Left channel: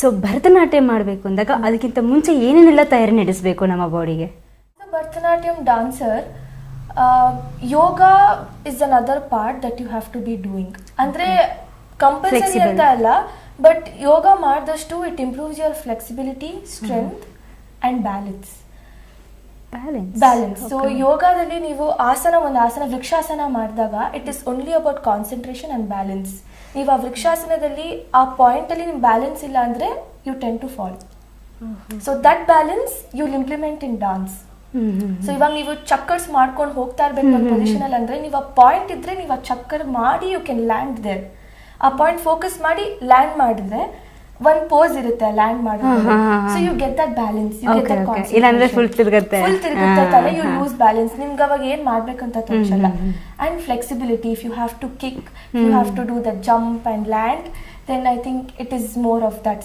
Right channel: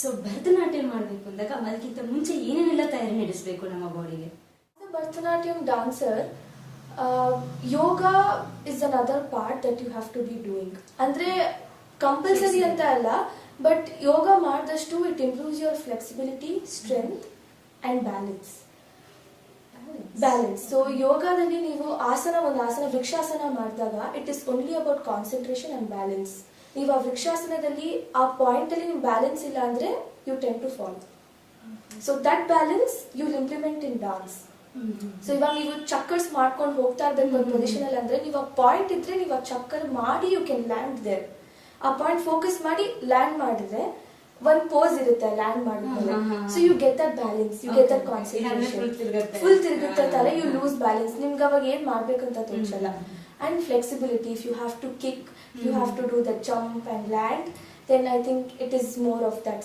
So Bharatanatyam ಮಾಡಬೇಕು ಅಂದಾಗ ಅದಕ್ಕಿಂತ ಮುಂಚೆ ಏನೇನೆಲ್ಲ ತಯಾರಿ ನಡೆಸಬೇಕು ನಮ್ಮ ಬಾಡಿಗೆ? Bharatanatyam dancer, yoga is another part that you have to be doing. ಅಂದ್ರೆ ಕಂಪಲ್ಸರಿ ಅಂತ ಅಲ್ಲ, ಬಟ್ ಯೋಗ ಮಾಡಿದಷ್ಟು it improves your flexibility, strength and balance. So ಯೋಗದಲ್ಲಿ ನೀವು ಒಂದು ಆಸನ ವೃಕ್ಷಾಸನ ಮಾಡಿದಾಗ it is only about concentration and balance. ನೀವು ಆ ವೃಕ್ಷಾಸನದಲ್ಲಿ ಆ ಪಾಯಿಂಟ್ ಅಲ್ಲಿ ನಿಮ್ ಬ್ಯಾಲೆನ್ಸ್ ಇಲ್ಲ ಅಂದ್ರೆ you tend to fall. So that balance you will implement in dance. So ಇವಾಗ ನೀವು ಚಕ್ಕರ್ಸ್ ಮಾಡ್ಕೊಂಡು ಹೋಗ್ತಾ ಇರ್ಬೇಕು ಒಂದು ಪೊಸಿಷನ್ ಅಲ್ಲಿ ಅಂದ್ರೆ ನೀವು ಆ ಪಾಯಿಂಟ್ ಇದ್ರೆ ನೀವು ಆ ಚಕ್ಕರ್ ಮಾಡಿ ಯು ಕ್ಯಾನ್ ಲ್ಯಾಂಡ್ ದೇರ್. ಆ ಪಾಯಿಂಟ್ ಫೋಕಸ್ ಮಾಡಿ ಲ್ಯಾಂಡ್ ಮಾಡಿದ್ರೆ ಒಂದ್ ಪೋಸ್ ಇರುತ್ತೆ ಲ್ಯಾಂಡ್ ಮಾಡೋದು. So you get that balance, you get that concentration. Full ತಿರುಗುತ್ತೆ ತಲೆ, ಯು ಲೂಸ್ ಬ್ಯಾಲೆನ್ಸ್. ನಿಮ್ಗೆ ಅವಾಗ ಏನ್ ಮಾಡ್ಬೇಕಂತ ತೋರಿಸಲ್ಲ. And flexibility, if you have to kick, you have to do that jump and land, then I think it is more of that